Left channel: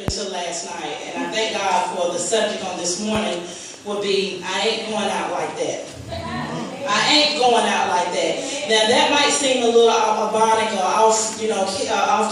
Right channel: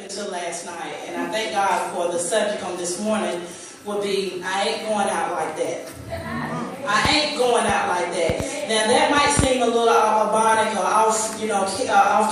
Until last night, and I thank God for the subject on this morning will be, I ain't going out like that. I ain't going out like that. Now that might seem a little ironic or off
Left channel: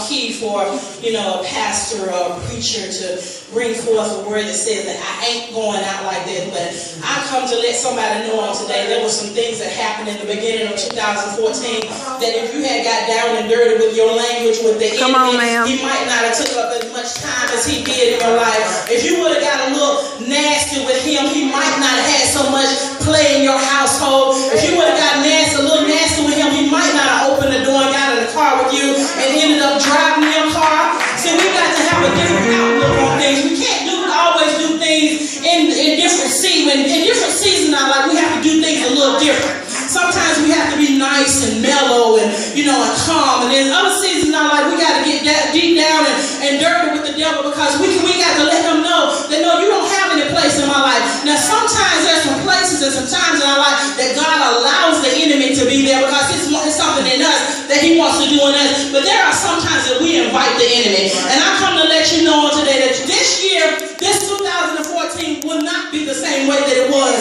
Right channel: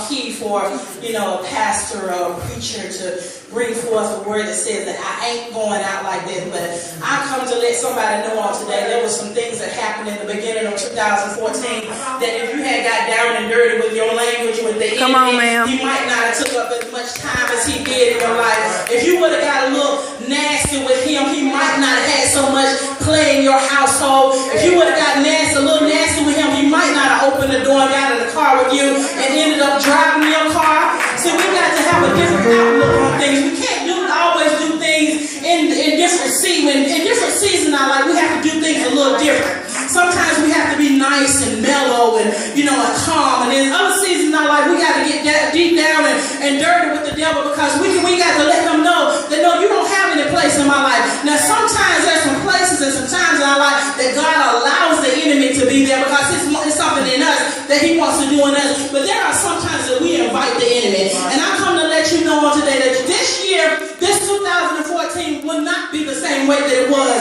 key for, a pastor or a preacher to bring forth a word that says that I ain't going out like this, but I come to let somebody know on today there were some things that happened in the beginning of 2014 that if you had got down and dirty with your language with the enemy, you might not have took up as much time as he did in your life. If you would have got a little nasty with him, he might not have had so much play in your household. If you would have got a little nasty with him, he might not have opened the door and got in the car with you and ended up driving your car. So we got to have a different outlook on things. We can't always do things in different seasons. In different seasons in our life, we have to do things a little different. Sometimes we have to be nice and mellow and and calm. And in other seasons in our life, we got to get deep down and dirty with the devil because we got to let him know that no, you don't have any place in my life. Now sometimes there's some places and some times in our life that God allows the enemy to be there because it's something in us that he wants to do in us. But there are some times that we invite the enemy. And I come to let you know on today that this year, this 2014 will not be the same way that it was.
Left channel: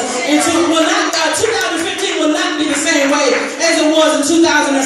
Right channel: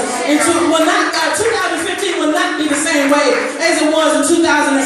2015 will not be the same way as it was in 2014.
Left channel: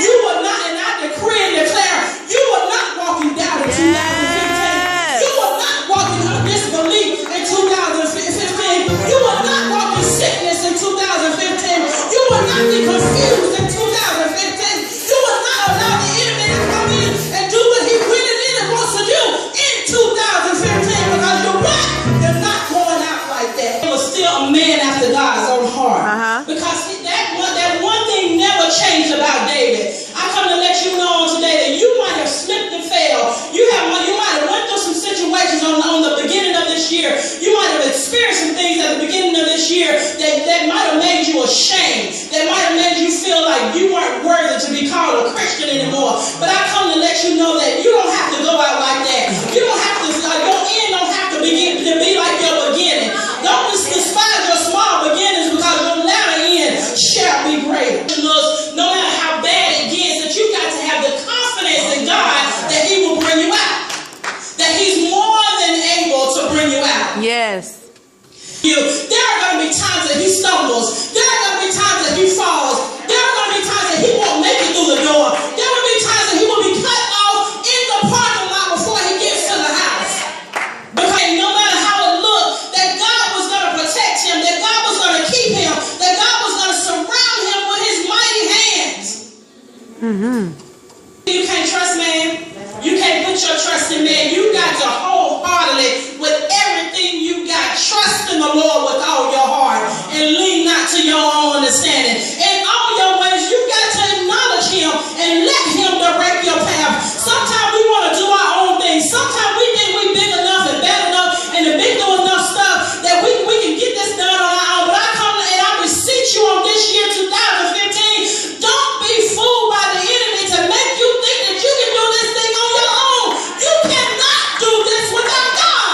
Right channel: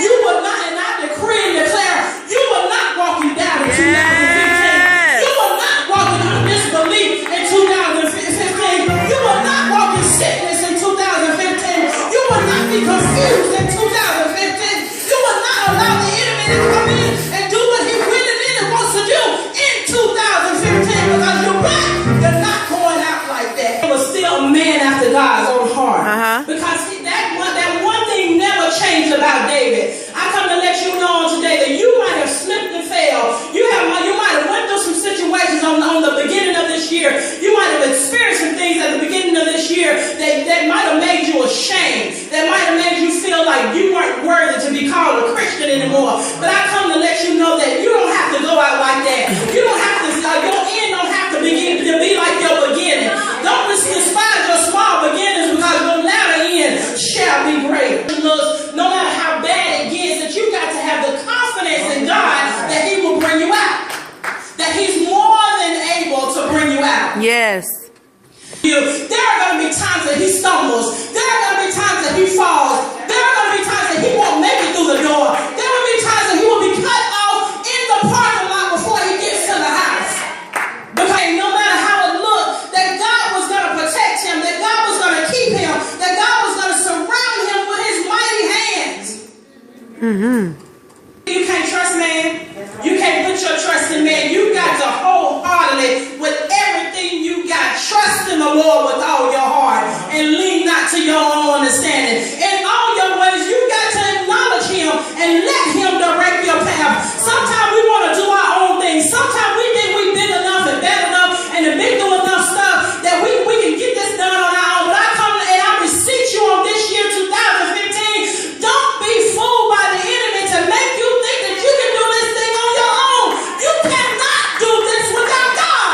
You will not, and I decree and declare, you will not walk in doubt in 2015. You will not walk in disbelief in 2015. You will not walk in sickness in 2015. You will not be confused in 2015. You will not allow the enemy to come in and do what he really wants to do in 2015 because you're what? You're not going out like that. He was still a man after God's own heart. Because that one thing never changed about David. I come to let you know on today that you might have slipped and fell. You might have went through some situations on the beginning of this year. You might have experienced some things at the beginning of this year that might have made you ashamed. That might have made you feel like you weren't worthy to be called a Christian anymore. But I come to let you know that you don't have to go out like that. You don't have to, your end don't have to be like your beginning. Don't despise your small beginnings because your latter end shall be great. No matter how bad it gets, that you got to have the confidence in God that he will bring you out. That he's more than able to bring you out. Yes. There are going to be times that he stumbles. There are going to be times that he falls. There are going to be times that he won't make it through the door. There will be times that he will be cut off in the parking lot before he gets to the house. Because no matter how it looked, that God was going to protect him, that God was going to keep him, that God was going to surround him with his mighty hands. You can't trust man. You can't put your trust in man. You got to wholeheartedly, with everything you got, trust in the Lord with all your heart and lean not to your own understanding. In all your ways, you got to acknowledge him and let him direct your path. Sometimes we want to do our own thing. Sometimes we think we're big enough and bad enough and have been doing enough stuff that we can get this done on our own. But I come and I beseech you on this year, 2015, don't be fooled by the enemy to make you think that you can do this thing on your own. You cannot do this without God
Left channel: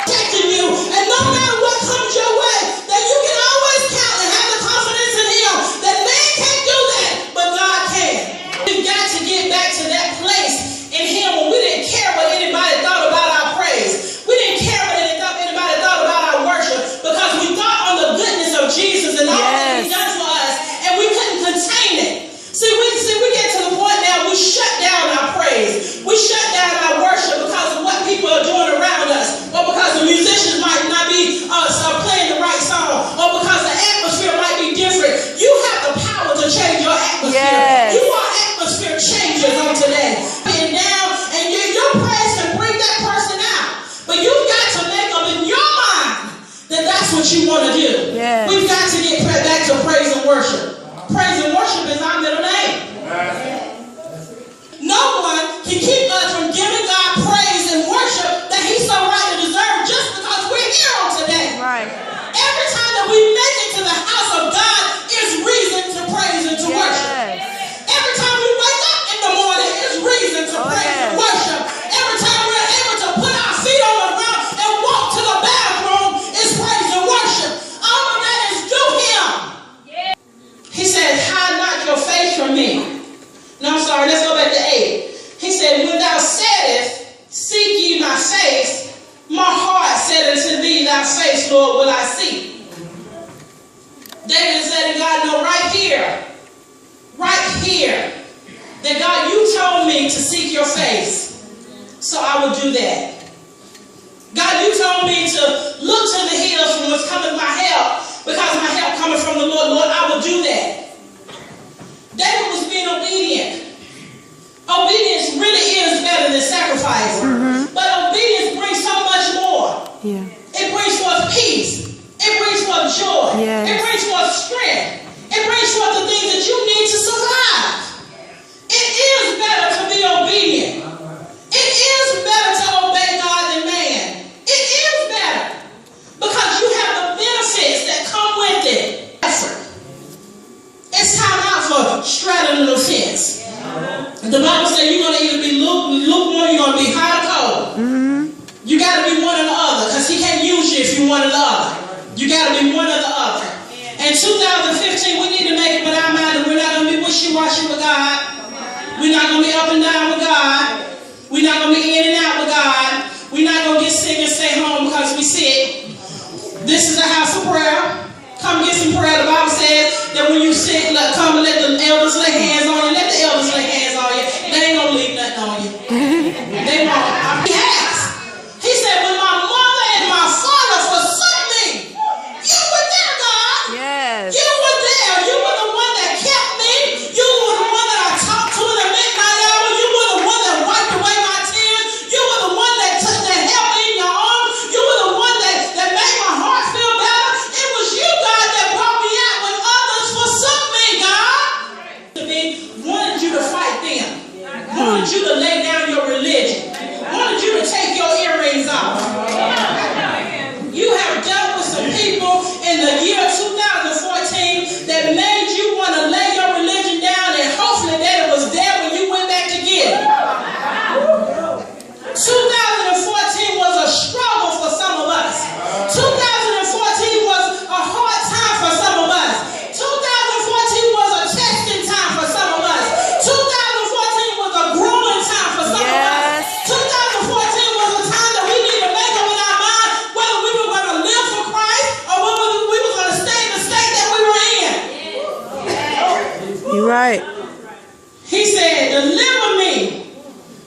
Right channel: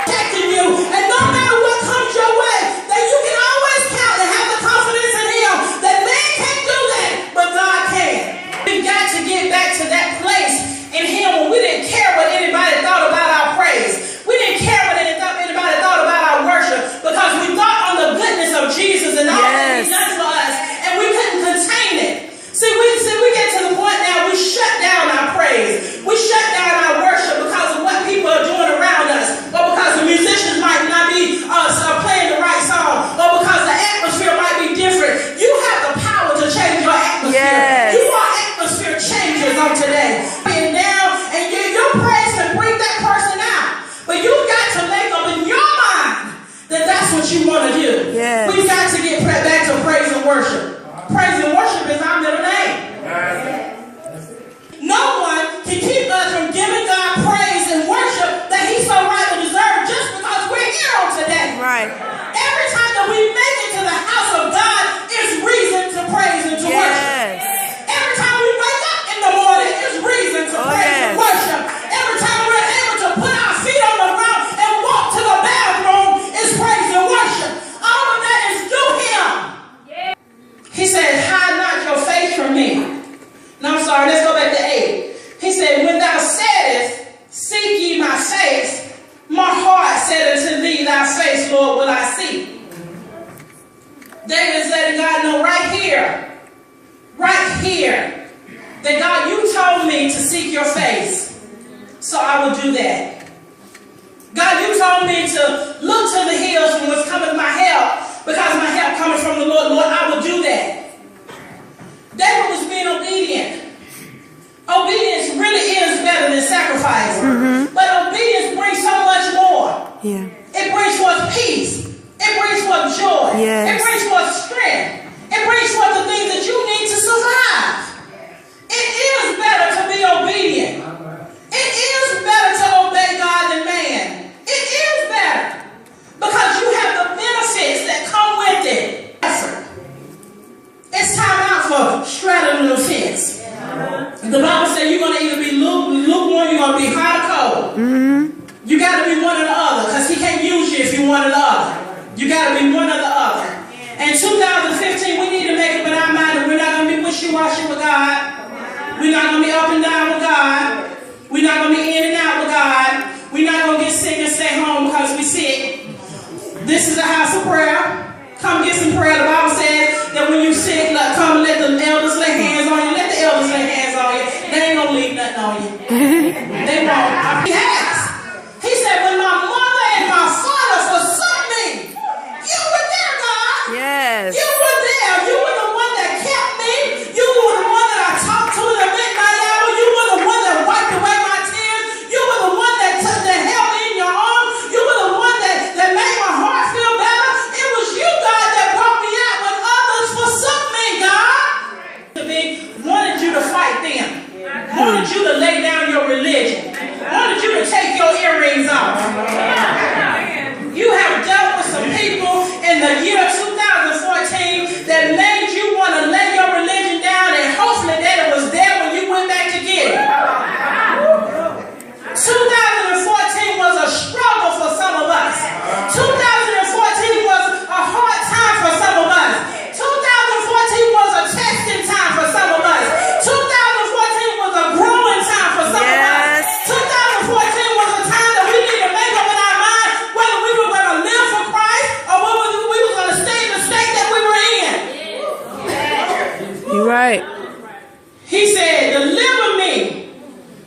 protecting you. And no matter what comes your way, that you can always count and have the confidence in him that man can't do that, but God can. We've got to get back to that place in him when we didn't care what anybody thought about our praise. We didn't care what anybody thought about our worship because we thought on the goodness of Jesus and all that he's done for us, and we couldn't contain it. See, we get to the point now we shut down our praise. We shut down our worship because of what people are doing around us, or because the musicians might not be playing the right song, or because the atmosphere might be different. You have the power to change your atmosphere. Yes. You are atmosphere changers on today. And down, and your praise can bring that person out. But you've got to make up in your mind that that's what you want to do. Yes. We've got to get back to praise and worship. Praise and worship is our middle name. No one can keep us from giving God praise and worship that he so rightly deserves just because we're here on today. Right. Every time that we make it to the house of God is reason to praise and to worship. Every time we wake up in the morning is reason to praise and worship. Every time we're able to put our feet on the ground and walk to the bathroom is praise and worship. All of that is due him. He said, hide not your face from me. will do that. God, you told me to look to the hills from whence cometh my help, because my help cometh from the Lord. Lord, I will do that. David was being obedient. Obedience really is better than sacrifice. But obedience brings so much more. Yeah. It brings forth peace. It brings forth joy. Yes. It brings forth strength. It brings forth the things that you need to survive. It is better to be obedient. It is better to obey God than man. It is better because you have the benefits that come with it. It's time out for straddling the fence. The Bible says you're going to either be lukewarm, you're going to be hot or cold. You got to be one or the other, because he can't use you if you're one or the other. You got to be one or the other. In 2015, we need to make up in our mind that we're not going to be wishy-washy with God. We're not going to be up and down with God. We're not going to be in and out with God. We're not going to get sick and stay home because we're sick. This is a house of prayer. Come get some prayer. The Bible says that when you sick, come and let the elders lay hands on you. Let the elders lay hands on you. They ain't going to leave nothing on you. They won't. He has. He said, when my mother and my father forsook me, you were there, God. Yes. You were there. You were the one that kept me. You were the one that I talked to in the midnight hour. You were the one that wiped away my tears. You were the one that held me in your arms. You were the one that made my heart feel better. It was you, God, that brought me out when others forsook me, God. Wanted you to fight them. Wanted you to lay down your religion. Wanted you to take your earrings off. You have dealt with some people in the year 2014 that made you want to lay your religion down, and hopefully that it was there when you went back to get it. 2014 was a struggle for some of us. 2014 was a hard time for some of us. 2014 was a testing time for some of us. 2014 was a growing time for some of us. 2014 was a time that we need to make up in our mind whether we were going to live for Christ or whether we were going to stay in the state that we were in. You're right. He said, deliver me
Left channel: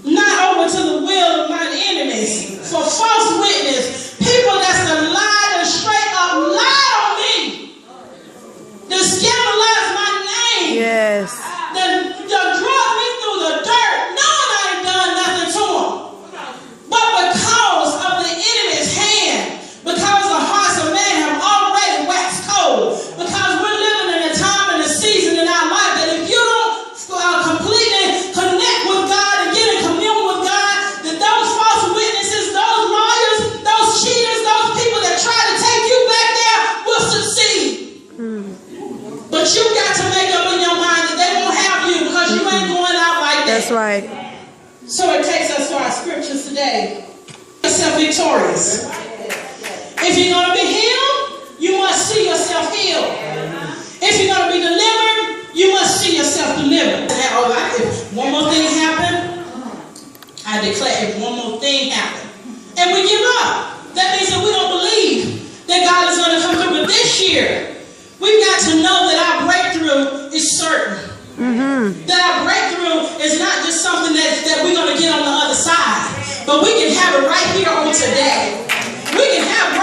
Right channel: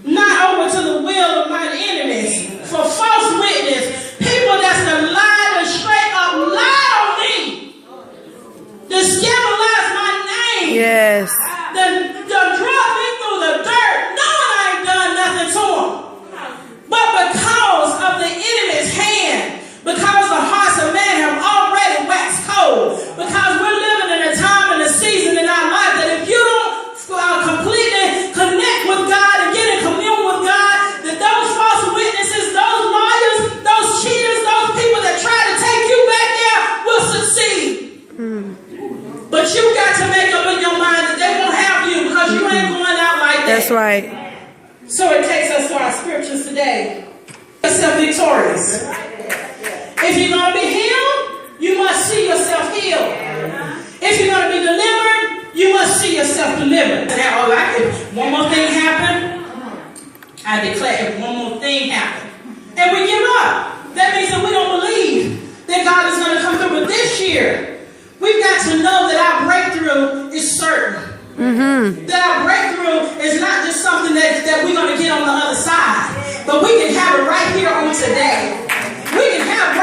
not over to the will of my enemies, for false witness, people that's done lied and straight up lied on me, to scandalize my name, Yes. to drug me through the dirt, knowing I ain't done nothing to them. But because of the enemy's hand, because the hearts of man have already waxed cold, because we're living in a time and a season in our life that if you don't completely connect with God and get in commune with God, that those false witnesses, those liars, those cheaters, those people that try to take you back there will succeed. But you got to make up in your mind that they won't have you because you ain't going out like that. That's right. So it takes us to our scriptures today. Yourself victorious. If you're going to be healed, you must see yourself healed. If you're going to be delivered, you must see yourself delivered. If one more thing happened, I declare if one more thing happened, and we give up, that means that we don't believe that God is going to come through. But this year, we've got to know that our breakthrough is certain. That our breakthrough is not just something that we're going to get on the other side, but we can have it right here on today. We can have